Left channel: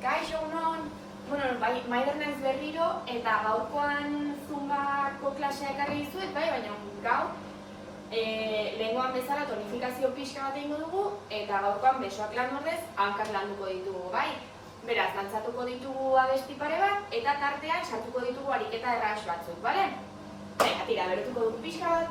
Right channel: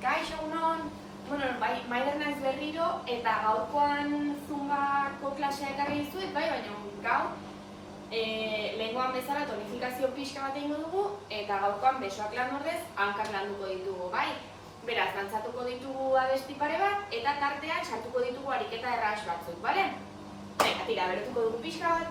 Kaixo egunon, Maider naiz berriro eta gaurkoan zumbako klasea ekarri dizuet, baina gaur lehengoan bezala tonifikazio pixka bat egingo dugu eta gaurkoan besoak lan ordez hankak landuko ditugu, bai? Beraz, dantzatuko ditugu abesti pare bat eta tartean sartuko ditugu ariketa erraz batzuk, bale? Venga, tira, berotuko dugu pixka bat.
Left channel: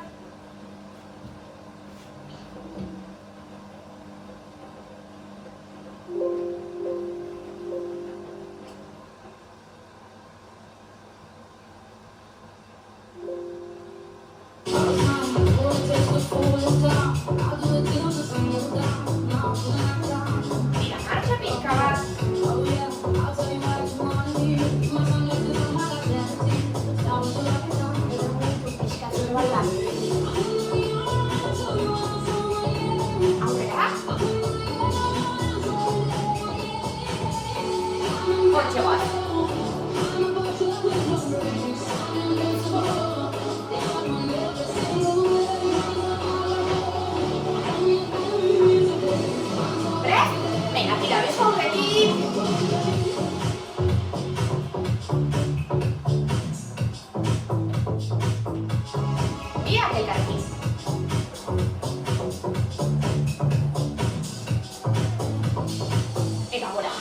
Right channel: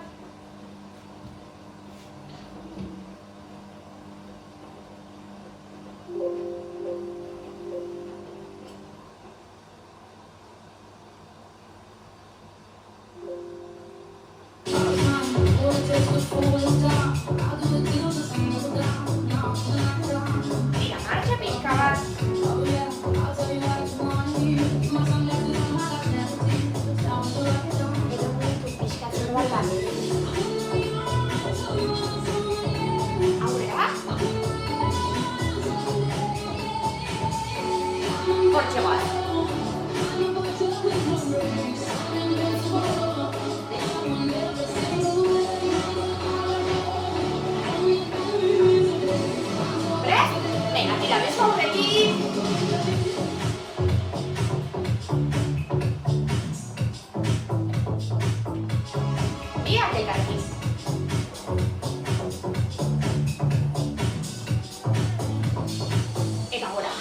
Tira, marxa pixka bat. Aurrera. Hortxe bat. Venga, tira, beso aurretik. Biak elkarrekin. Eta gora.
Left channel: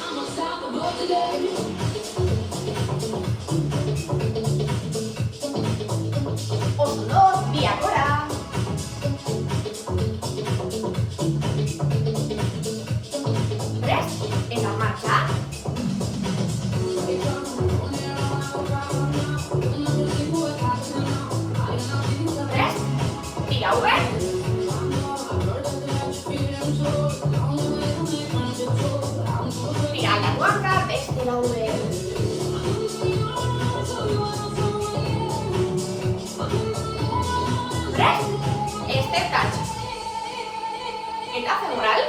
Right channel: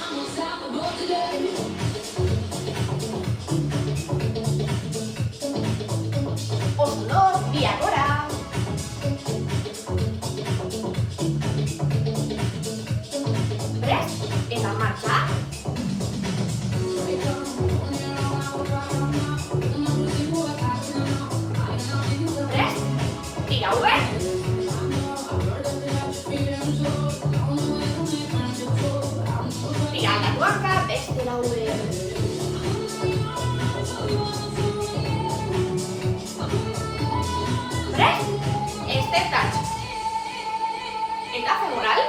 Oso, biak gora. Eta marxa. Tira, hube. Tira, aldatu hanka, bestela hube. Step touch. Eta femoral.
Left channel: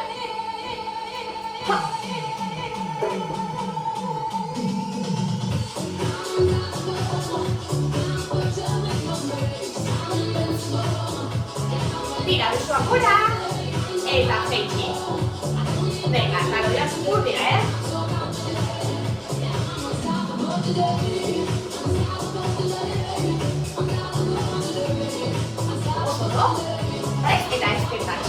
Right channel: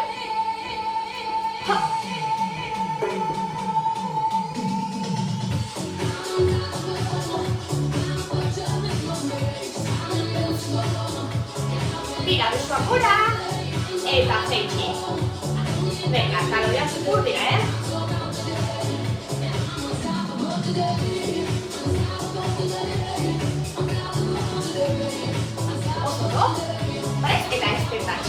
Tira, besoak gora, eta zeitzi. Venga, taloia zukur dira, Oso, eta eskertak.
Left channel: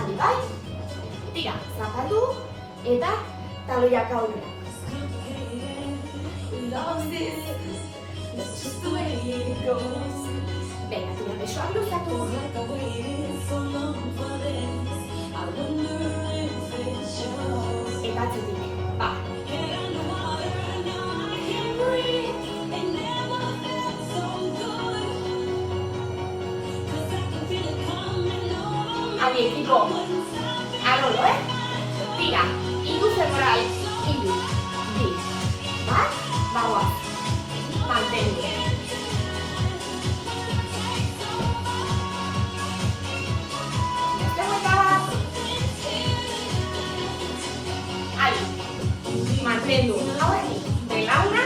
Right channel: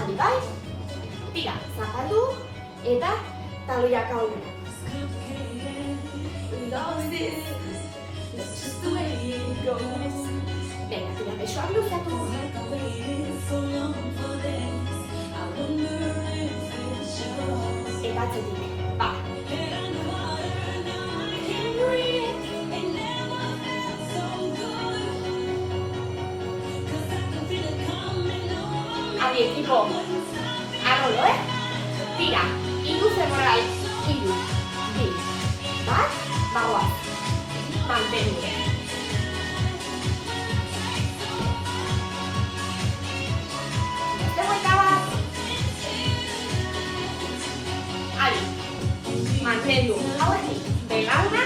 Adi bai? Tira, zapatu eta taloiak aurrera. Venga, tira, besoak luzatu. Eta atzetik, ba. Adi, ekipo. Arrolo, Tira, hiru femoral, hiru, bi, bat, bagoaz. Mantendu. Beste buelta bat. Adi, mantendu. Hauetik, belauna,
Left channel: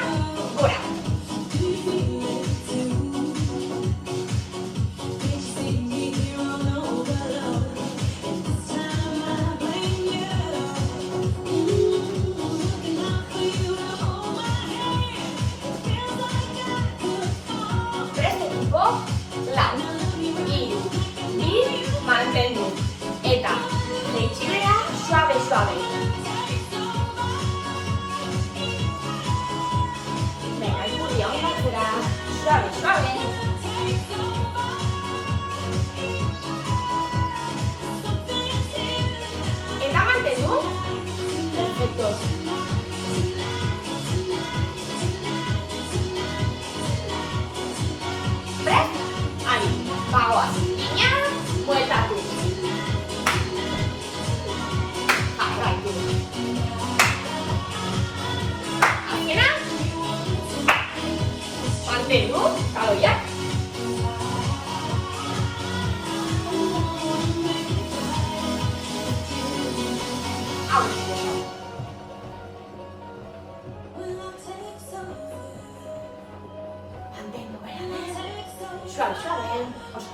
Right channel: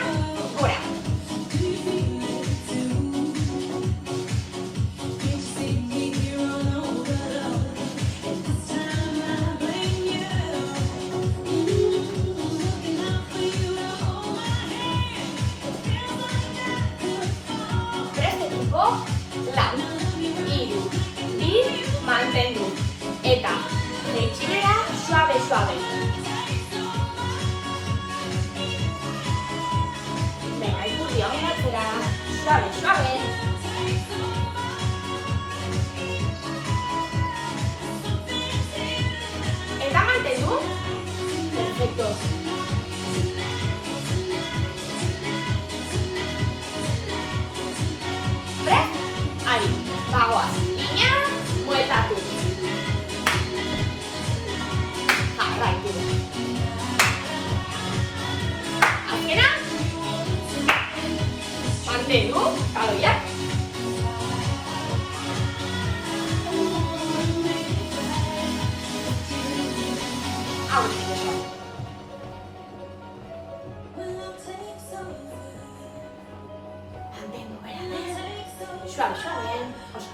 gora. Lau, hiru, bi, mantendu. Eta, jaitxibera, suabe. Venga, ikurri hau martzera, suabe. Eta mantendu. Perfecto. Ahí, bagoaz. Ina, bueltatu. Jarraitu. Azkena. Mantendu, taloiak. Hau. Plausoen, oso.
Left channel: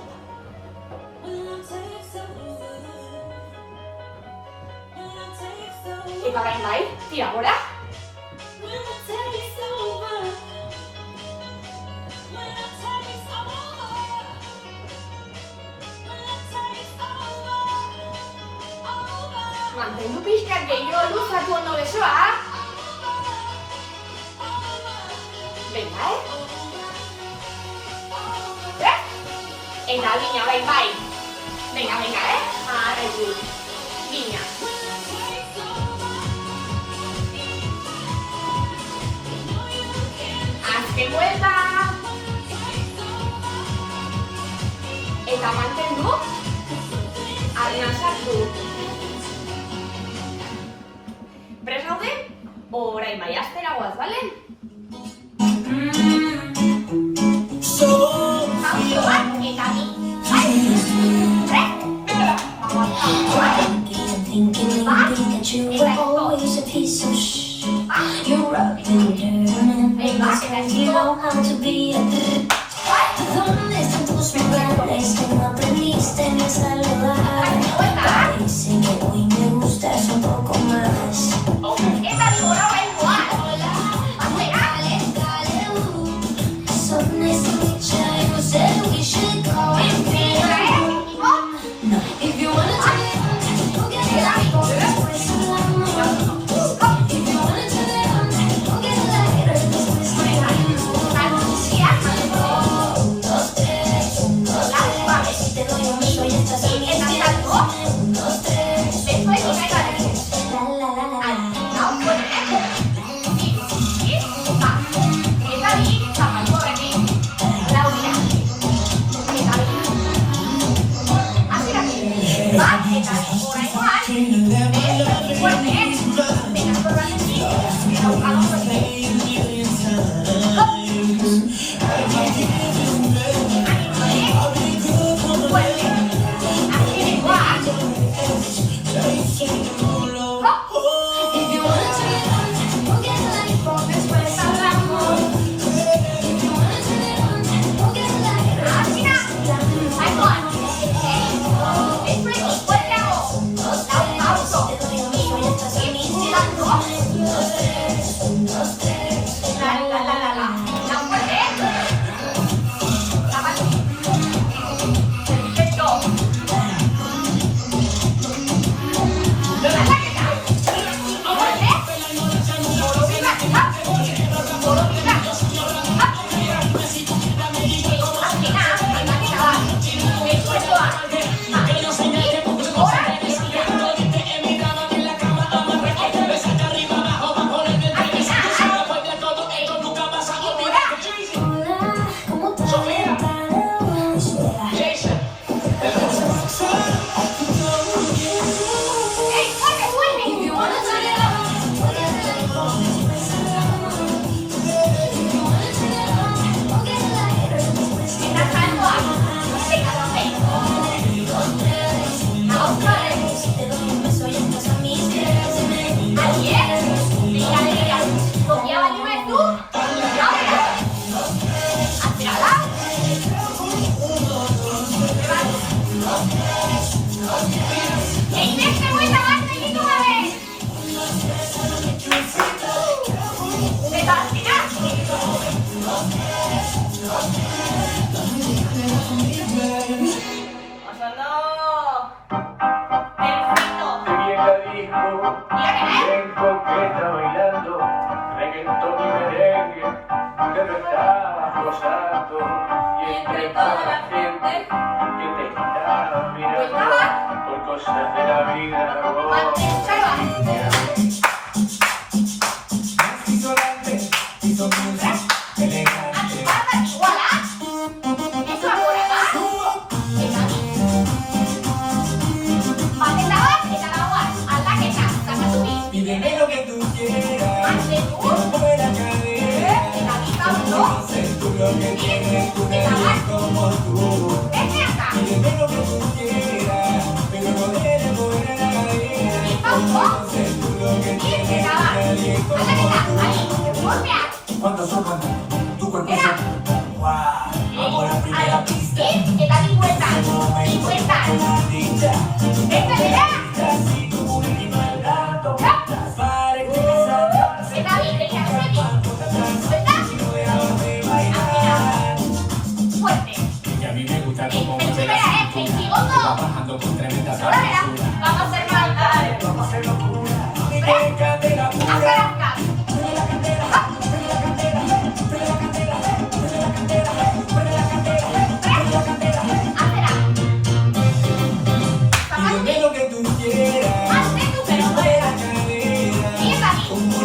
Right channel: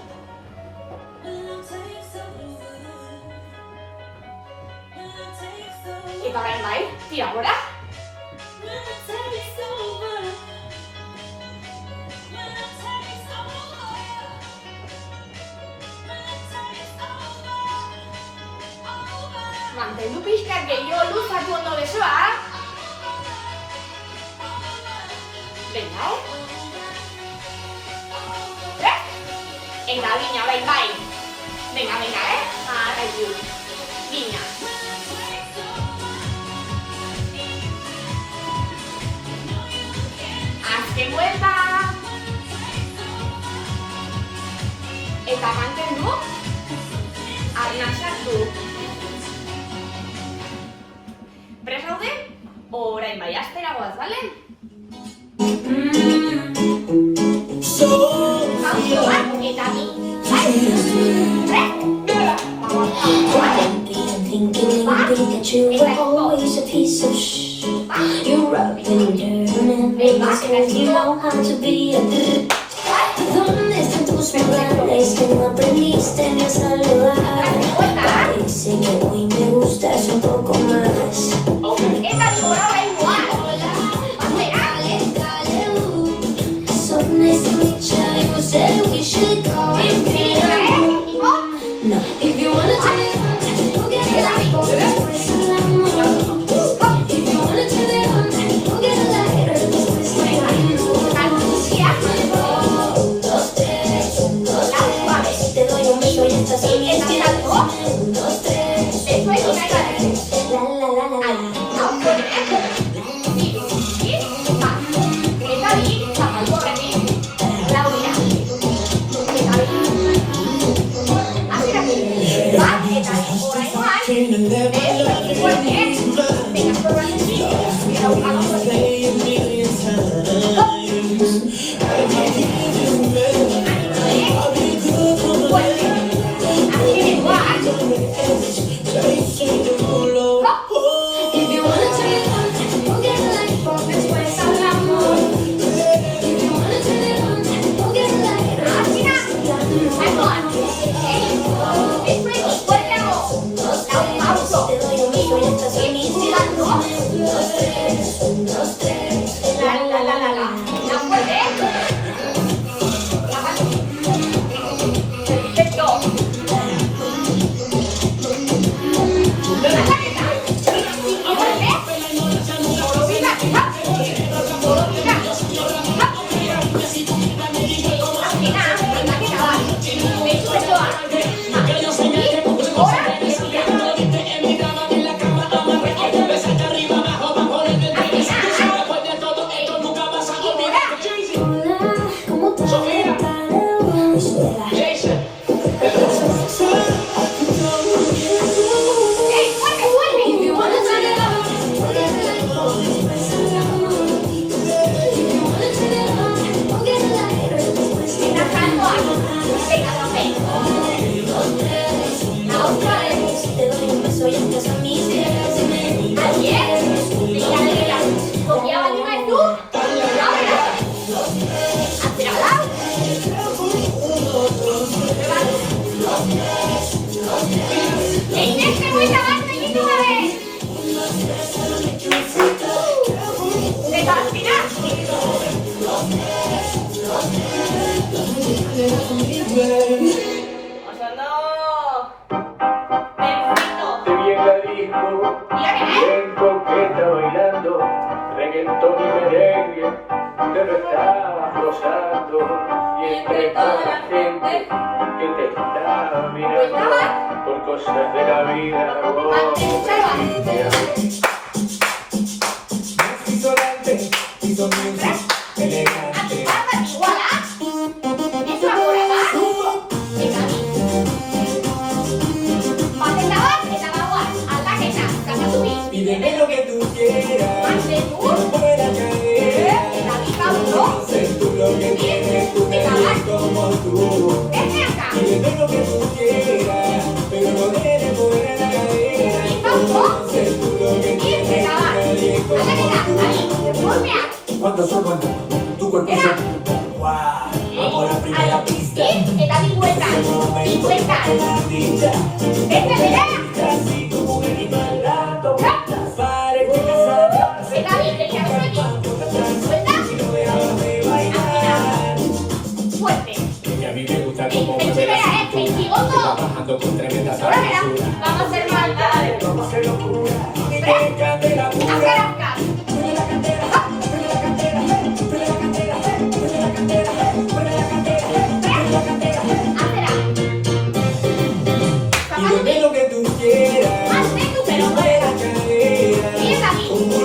Eta gain bai, tira gora. Mantendu pixkat gehiago luzatu ondo besoa. Venga, Eta línea, bai. Venga, Ara idu. Línea. Azken vuelta. Eta mantendu. Arna sartu. Prest gaude? Orain bai astera goaz, bale? Always a piece of shh. You rocked and turned, made me say you know how to be a ¿Dónde están tus regales que no aprendiste a saludar? Dicen que hoy me gustas un poco más. Son escucha y you said we should go. No, if you wanna tell me, we'll get it out. If you wanna tell me, we'll get it lighter. Te doy un beso y estás bien. reggaetón y merengue que lo estabas gozando y entre toda la gente que te estaba mirando por cosas de la vida. Pídeme lo que tú quieras, ponme la cadera, sé tú lo que tienes, tú eres como tú. Pídeme lo que tú quieras, pero no dejes por la cadera, sé tú lo que tienes, tú eres como tú. Cuando suena tu cuerpo se... ¡Wow! Vamos a la primera pista.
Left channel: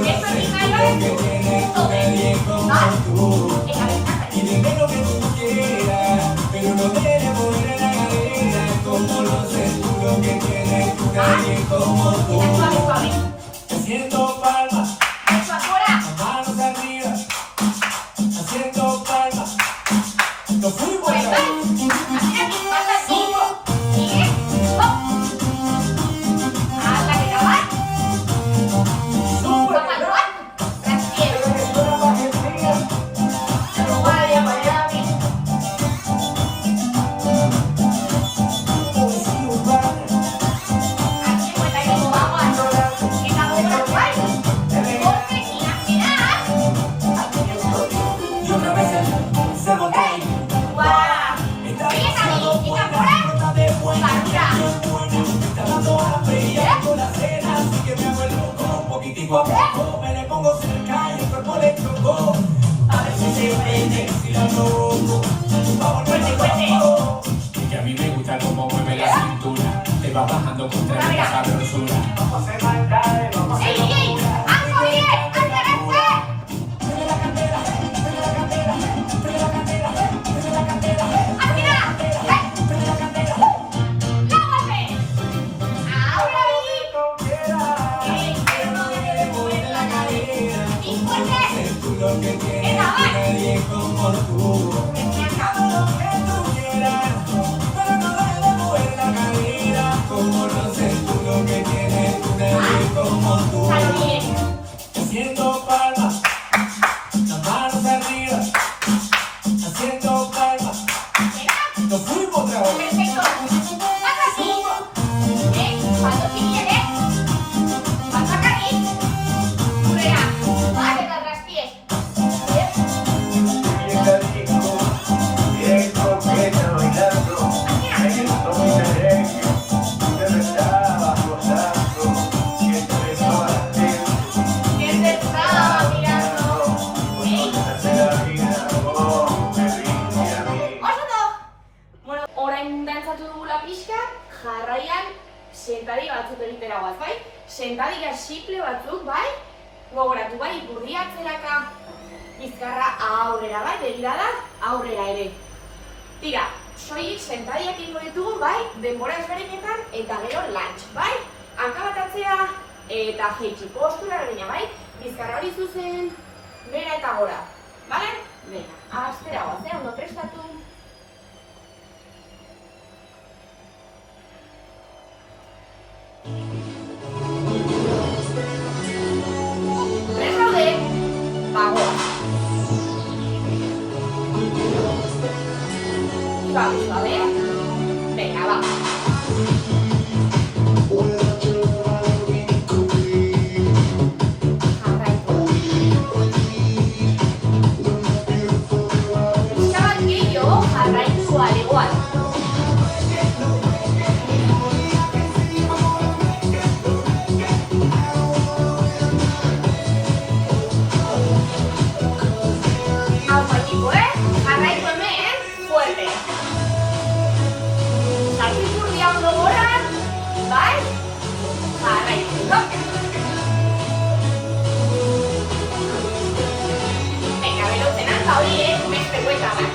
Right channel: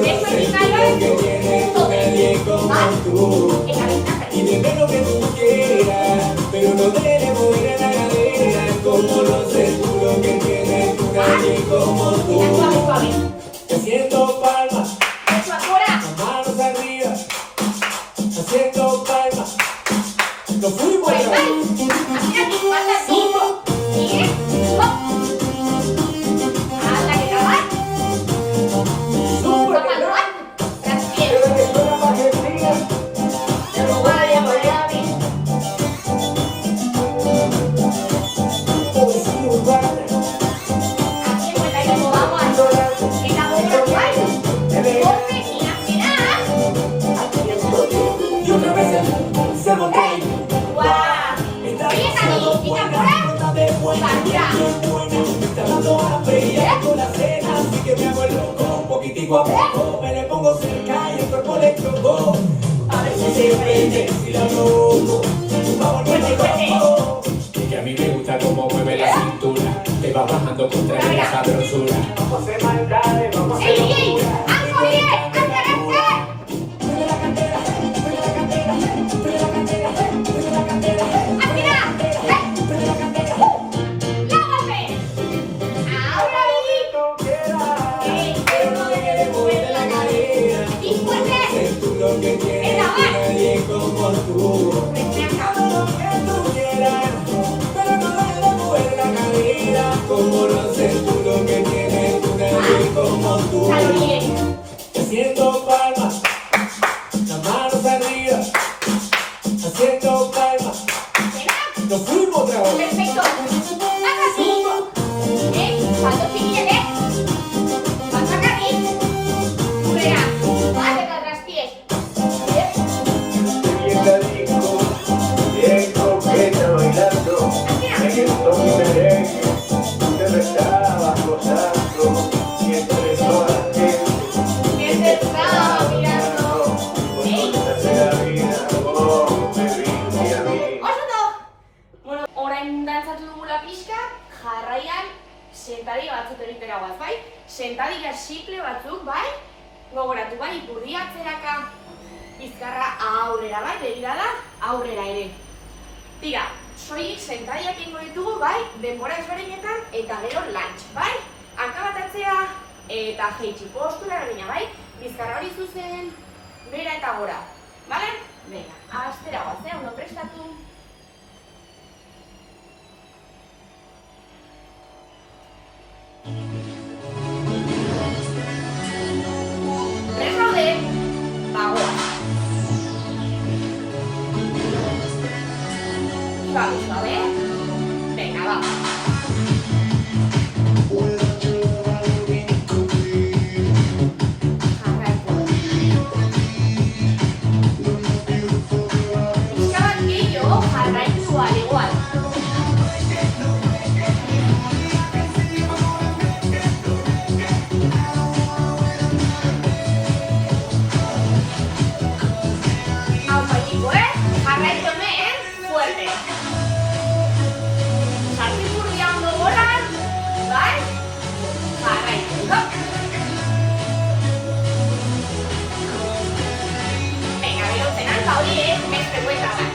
Eso es que tiene nadie como tú. Y dime lo que tú quieras, pero no te voy a la idea. Como no sé tú lo que tienes, nadie como tú. Haciendo palmas, manos arriba, haciendo palmas. Nos fuimos a la poco a poco me le pongo cerca y el cuerpo le tocó. A ver si se prende, si lo loco. Vamos, no, y que a mí me gusta cómo mueve la cintura. Te va bajando contra la sabrosura. Vamos a mandarle, vamos a haciendo palmas, las manos arriba, haciendo palmas. Nos fuimos otra vez. Perfecto. Haz así. Falta chiquilla, Falta aquí. Ruega. Vale, para atrás, pies. Bien coqueta bailando, reggaetón y merengue, te besaba los astros, que entre toda la gente Que se estaba mirando. Bueno, orain dantzatu dugula pixka, jarraian sentadi batzuk egitera bat, bai? Sentadila simple batzuk, bai? Gogoratu, bai? Ipurdi atzeraka, bizkarra aurrera, bai? Begirada aurrera ere. Tira, soilik sentadiak ingo ditugu, bai? Denbora ezberdinetan eta gero lunch, bai? Hanka bat atzea eta jeitsi postura egina, bai? Bizkarra hori zuzen, bera eta gora, bale? Bera, astera bat, ondo prestatu. Tres raude, bagoa. Suabe, suabe. Venga, va. Jarraitu. Pixka bat gehiago, jarraitu igual. Hau paitiko, jarraitu hemen, fuerte. Sartu ipurdia ondo goran, bai? Jarraitu, Venga, berotzen hanka hori, beste buelta bat.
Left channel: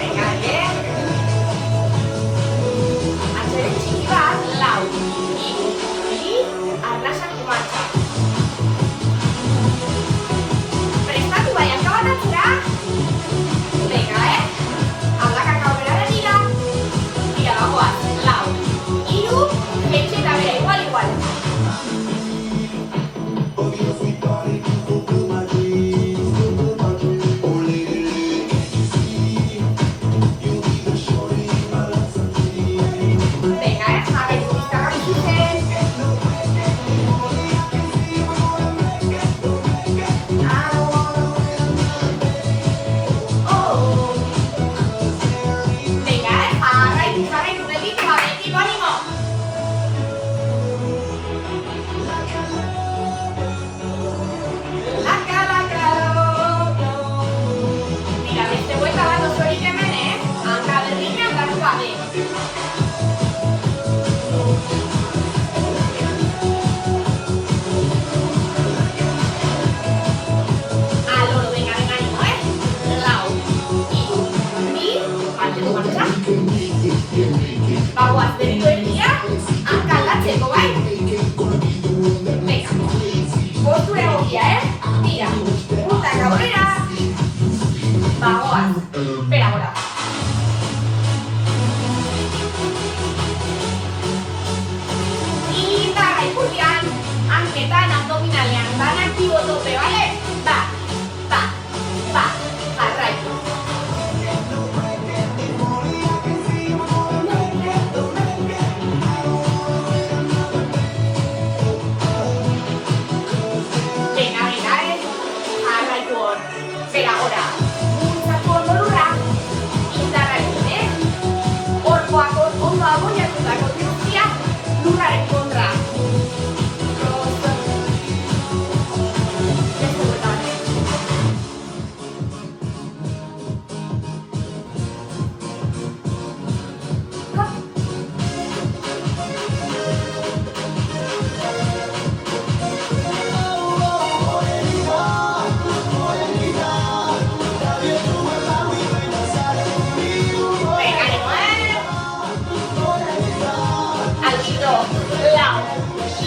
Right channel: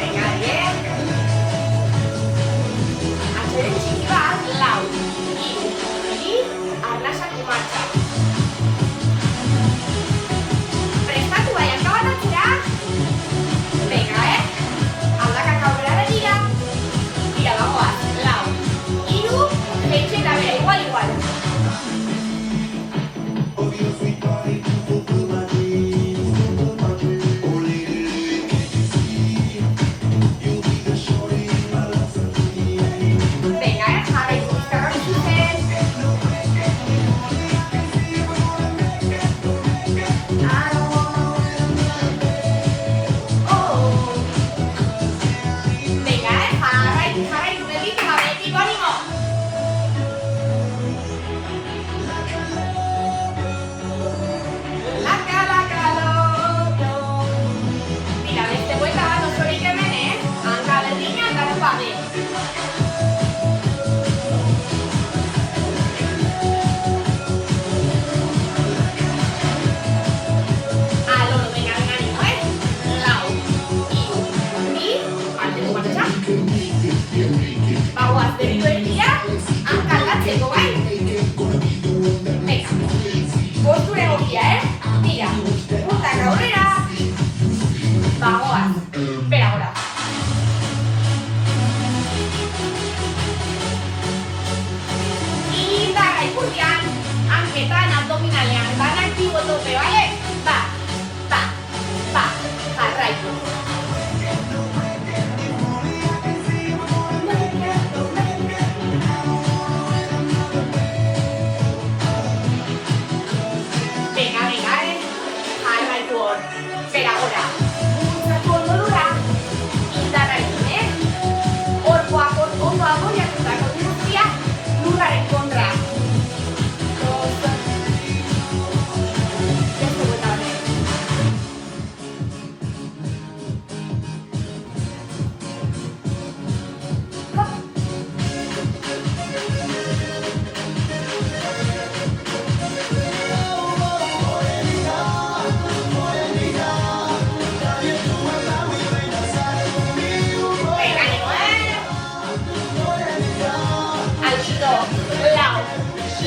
Venga, bien. Atzeren txiki bat, lau. Y arnasak marcha. Prestatu bai, hanka bat atzera. Venga, aldakak aurrera begira. Tira, bagoaz, lau. Hiru, jeitxe eta bera, igual. Venga, jarraitu bizkarra bizuzen.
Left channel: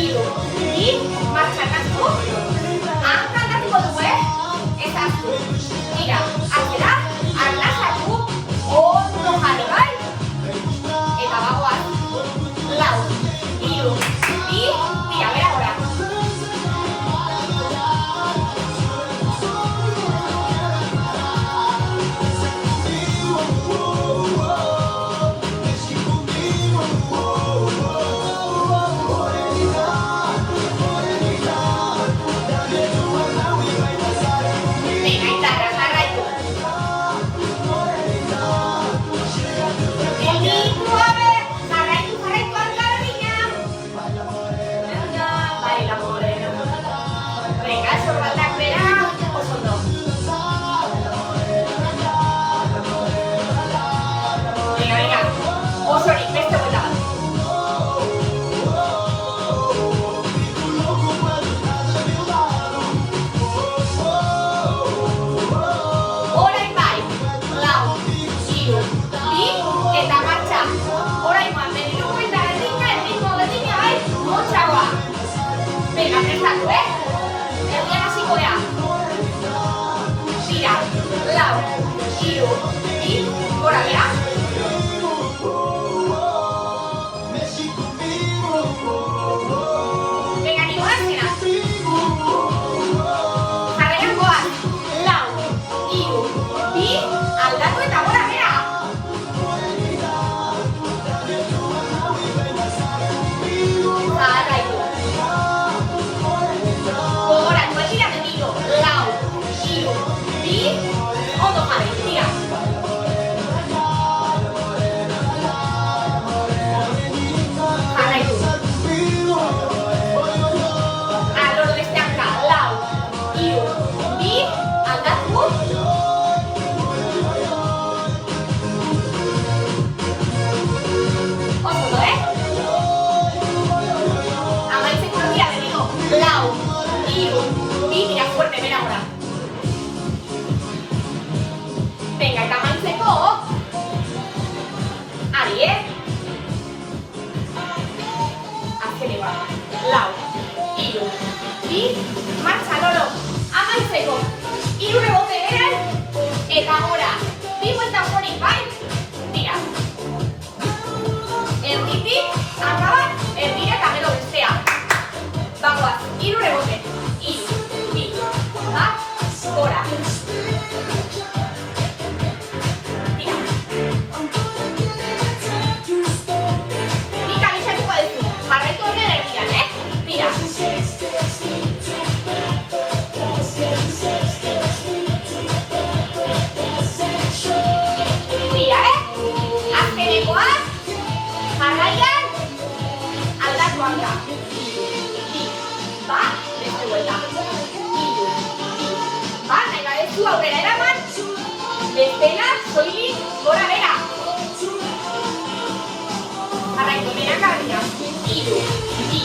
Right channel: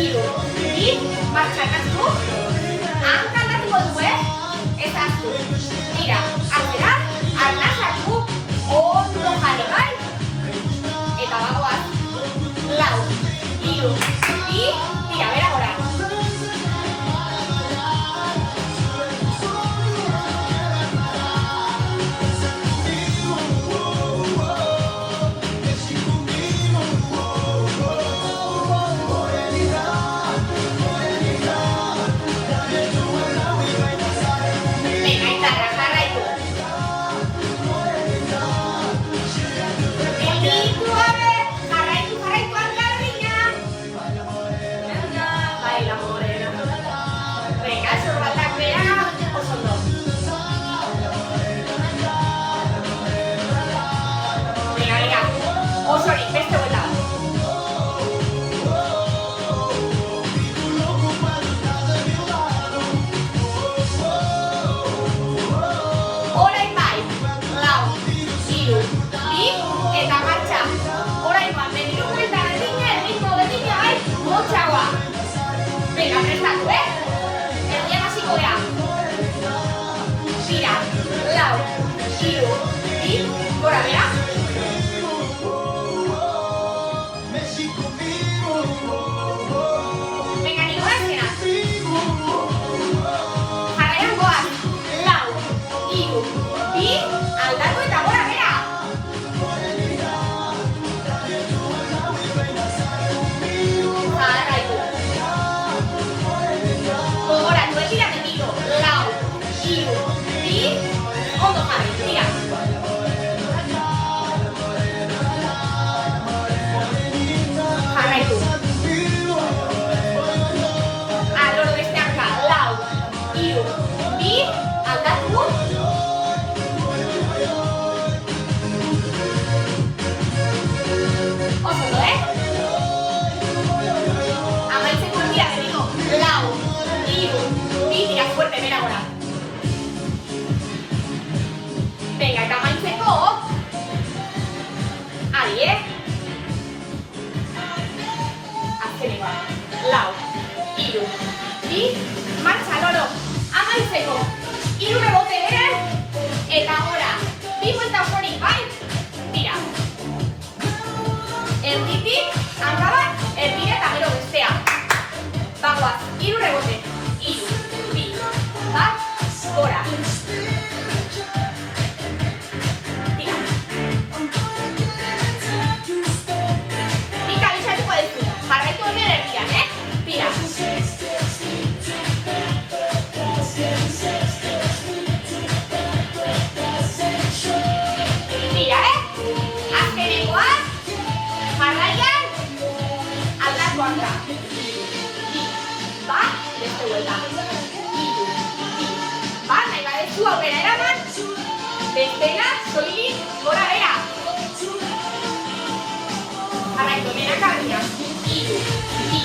hiru, bi, martxakatu, hankaldatuko dugu, ezaztu. Tira, atzera, arnazatu, ondo jarri, bai? Eta bagoaz, lau, hiru, bi, tira, bera gora. Osorik, beste buelta bat. Orain bai, lau, hiru, bi, eta martxa. Orain bai, berriro buelta berdina, erritmo berdina bai, motxagoa. Venga, prestatu, erdian hasiko gea. Tira, lau, hiru, bi, gora bera. Venga, nigo azkena. Jarraian goaz. Lau, hiru, bi, aldatu eta gora bera. Jarraitu. Gogoratu, egira memilo. Lau, hiru, bi, ondo jarri, tira. Jarraitu. Aloro beste hanka, lau, hiru, bi, aldatu. Oso, amaitzeko dira, berriro. Lau, hiru, bi, tira fuerte, bera gora. Venga, eta amaitzeko. Adi, azkeneko. Lau, hiru, bi, martxa loro. Amaitzeko. Hiru rebote eren, eta gora. Bi buelta osorik, bai? Tira. Erditik, hanka bat, erdira eta gero bestea. Bagoaz, hiru rebote. Hiru, bi, bat, gora. Tira. Nik abisatuko duzu. Jarraitu honen erdian, Tira. Tira, azkenekoa. Jarraian, aldatu hanka. Bi, bat, beste buelta. Hiru, bi, bat, nahi badezu aurrera eraman. Bestela, soilik, gora bera. Jarraitu honen akabina. Hiru, bi,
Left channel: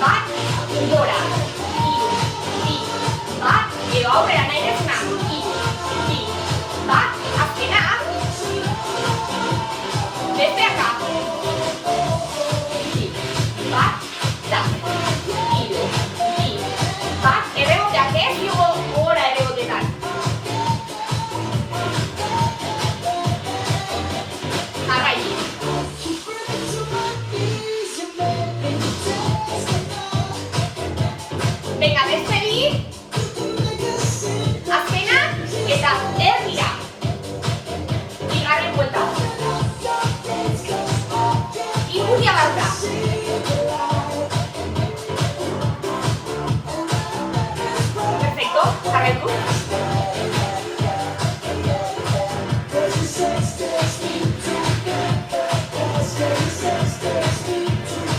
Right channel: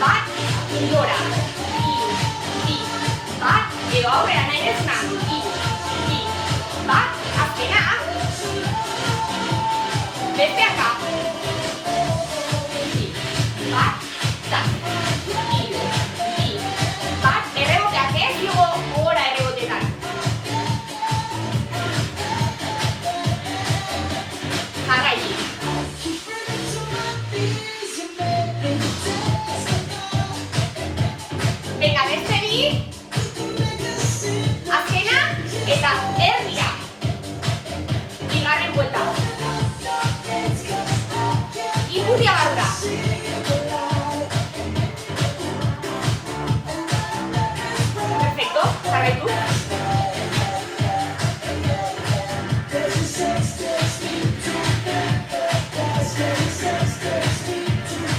bat, gora. Hiru, bi, bat, edo aurrera nahi desuna. Hiru, bi, bat, azkena. Beste aka. Bi, bat, da. Hiru, bi, bat, erreboteak ez, dugu gora errebotetan. Jarraitu. Venga, beste bi. Azkena eta erdia. Bigarren buelta. Ikusia barra. Perfecto, jarraitu.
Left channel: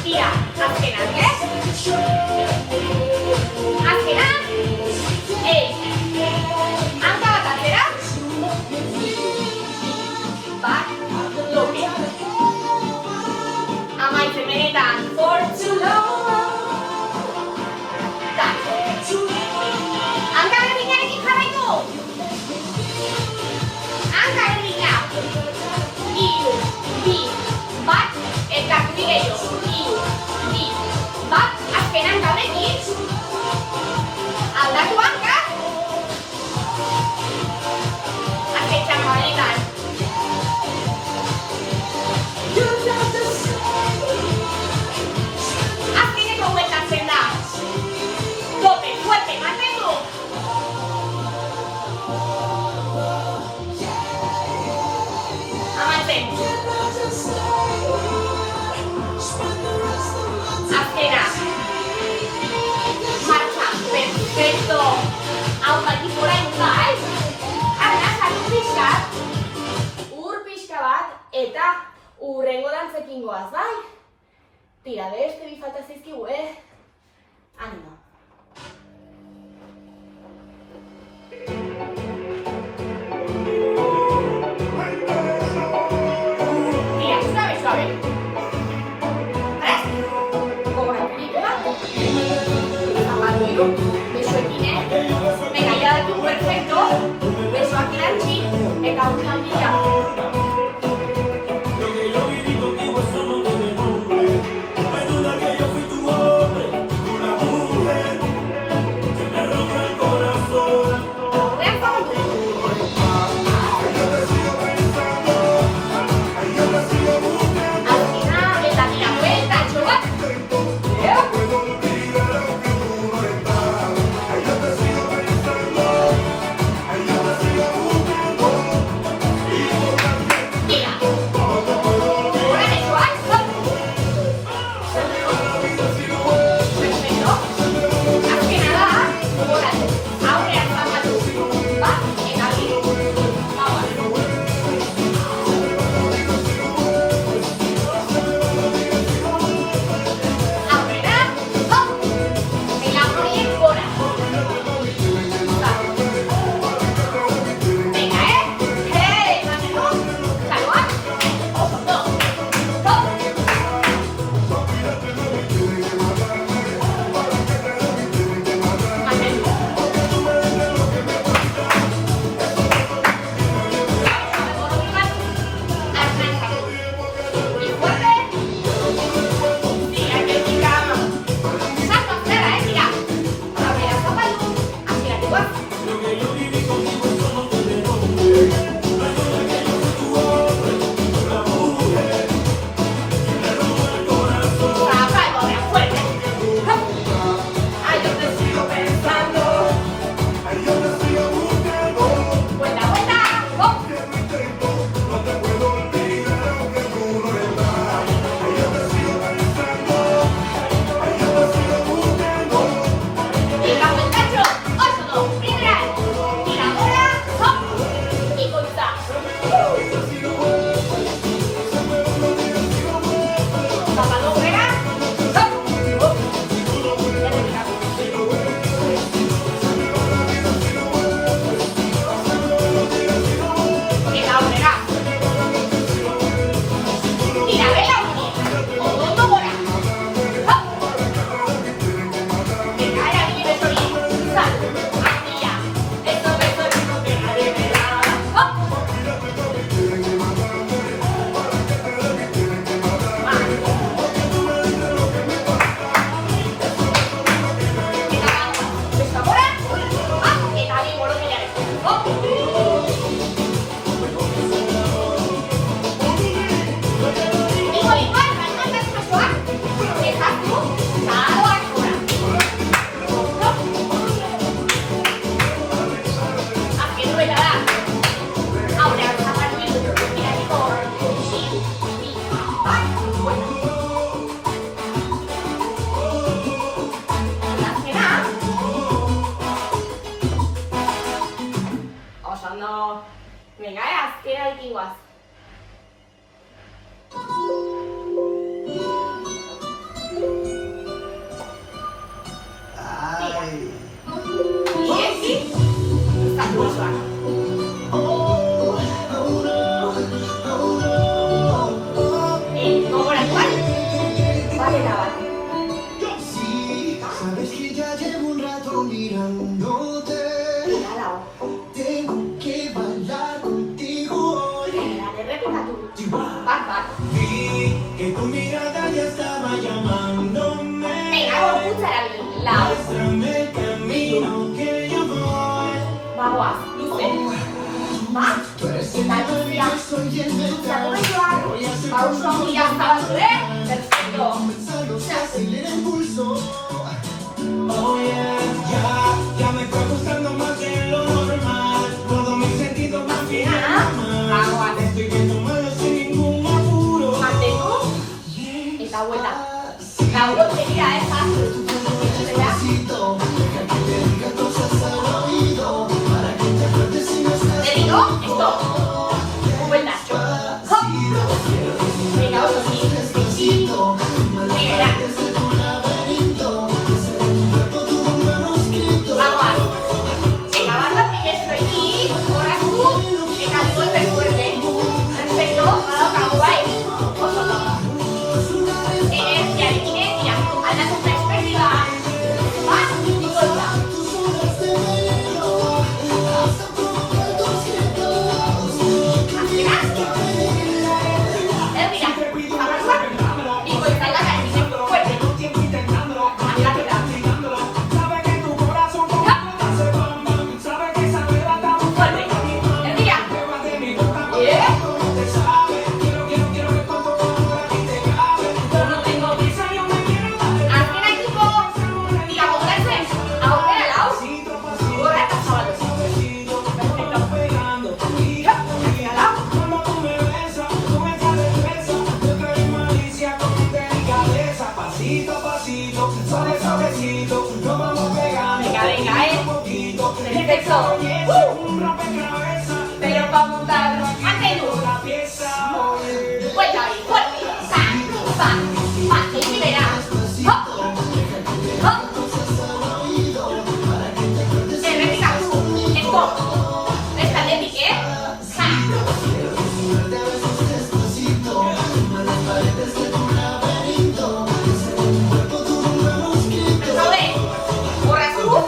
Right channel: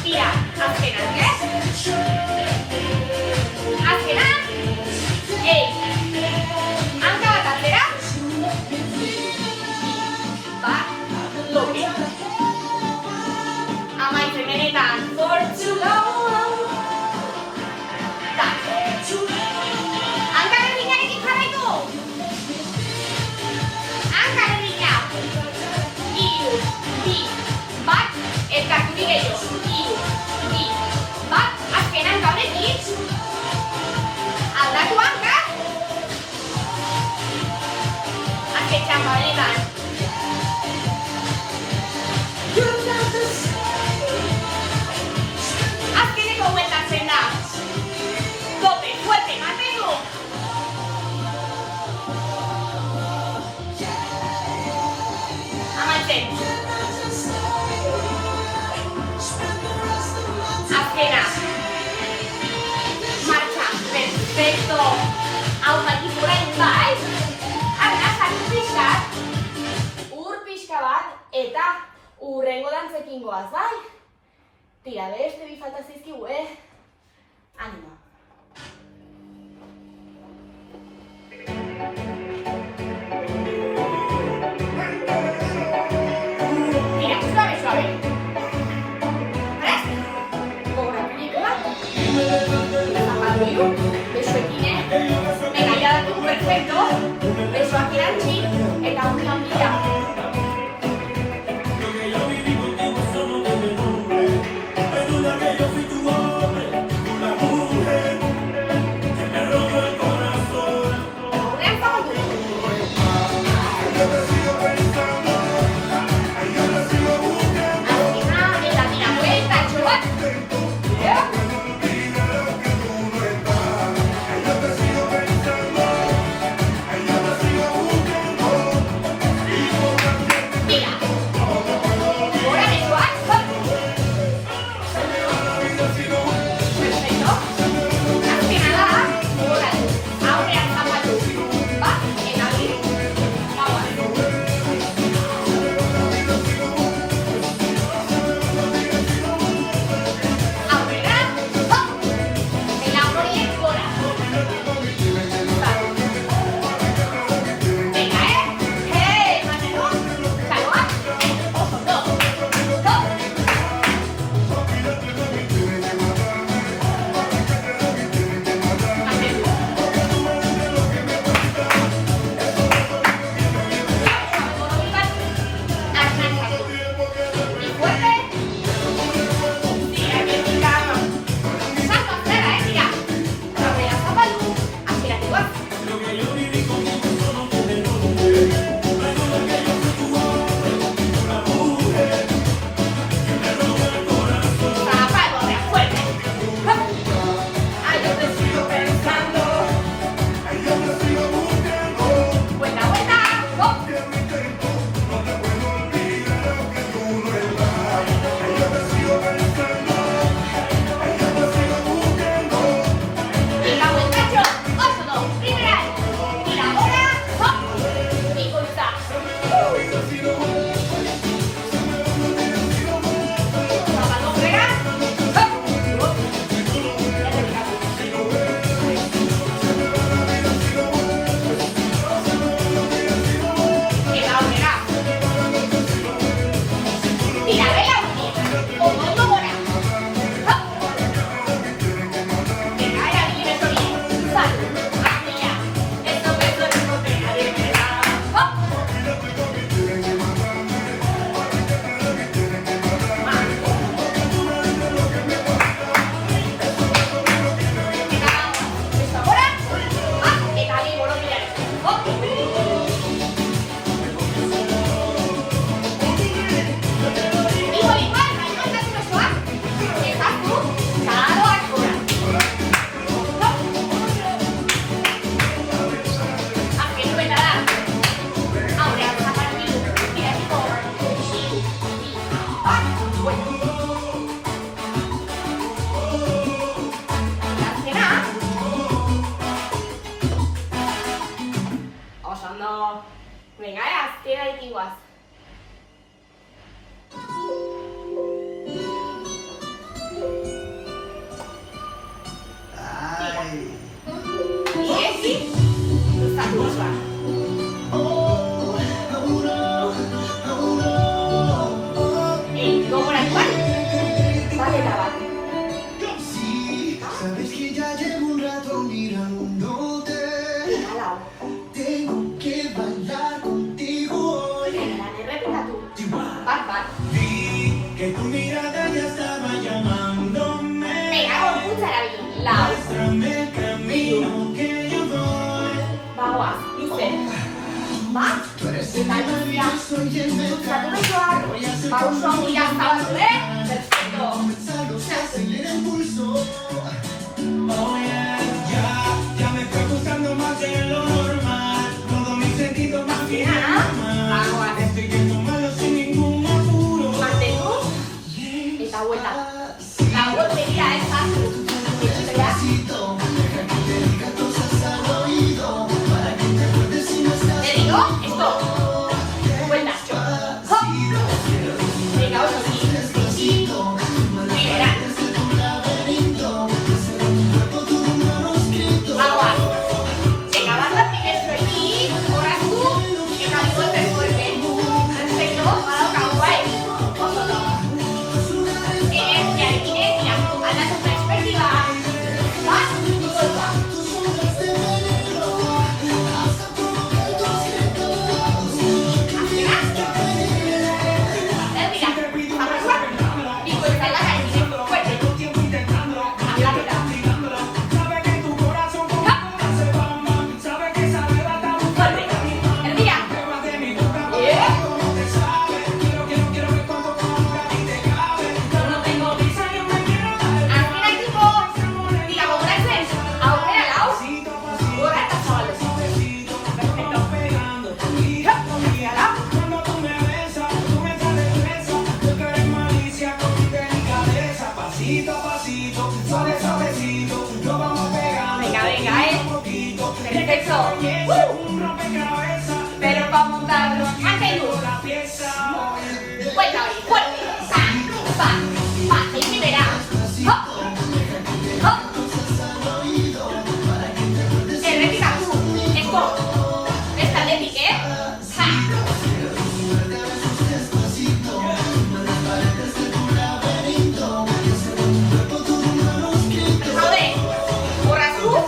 Tira, azkena, azkena. Hanka bat atzera. Bat, doble. Amaitzen benetan, zortzu lau. Tak. Hanka berdinarekin jarraitu. Hanka berdina. Hiru, bi, bat, elkartu gehiago. Hiru, bi, bat, dantzekin goaz, bai? Tira, beste bi falta zaizkigu, Animo. Tira, suave, suave. Gogorra película. Zapatu hiru. Besoekin, Venga, ya daki un perfecto. Besoak irantzi eta urtan dira. Venga, azkera iguaz. Iesi, zakuzoa. Gogoratu bat? Bat eta bat. Sabes que ya llevo un rato mirándote. Tengo que bailar contigo hoy. Bat. Vi que tu mirada ya estaba llamándome. Venga, gorputza erabili. Lau. Muéstrame el camino que yo voy. Bagoaz, luze. Bat, eta luzia. Zatu besoak. Pauso handia zabaldu, Perfecto. Acelera el pulso. Oh yeah, ya me fue gustando más de lo normal. Todo mi sentido más que Bagoaz. estoy que tomando sin ningún apuro. Mantendu. Eta vuelta. Lauro sería esa. Espera. Te digo, esto. Vuelta. Hop. Venga, otro. Pasito a pasito, suave suavecito, nos vamos pegando. Venga, Poquito, perfecto. un rompecabezas. Pero para montarlo, hace luz. La pieza hoy. Fuerte, fuerte. Pa, y verás. Hop, hop. Repita tú. Eco. Esta de pique. Robe. Corra tú. Hop.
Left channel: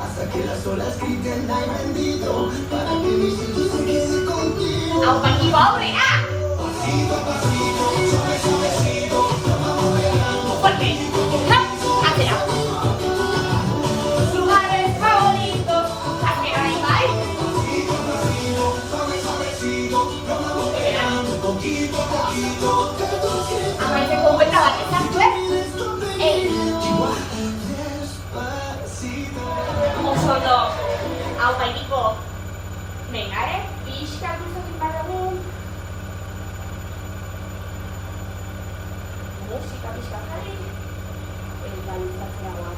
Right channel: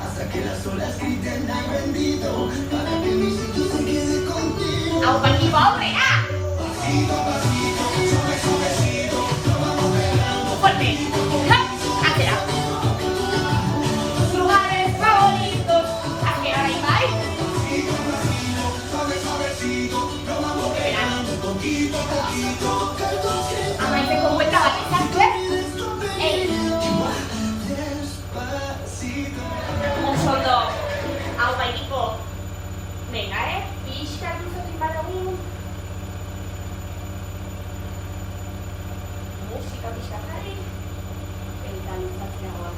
Hasta que las olas griten ay bendito, para que mi sitio se quede contigo. Fuerte. Hacia. Lugares favoritos. Hacia ahí, Amaitzen konkuenta bat izan zuen. Oso ondo. Hau bainiko. Venga, pixka duzutik badugu. Musika pixka jarri. Eta luzatzeagoa.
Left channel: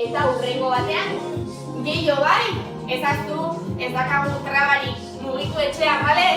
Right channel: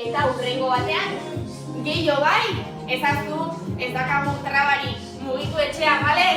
Eta hurrengo batean, gehiago bai, ezaztu, ez dakagu trabarik mugitu etxea, bale?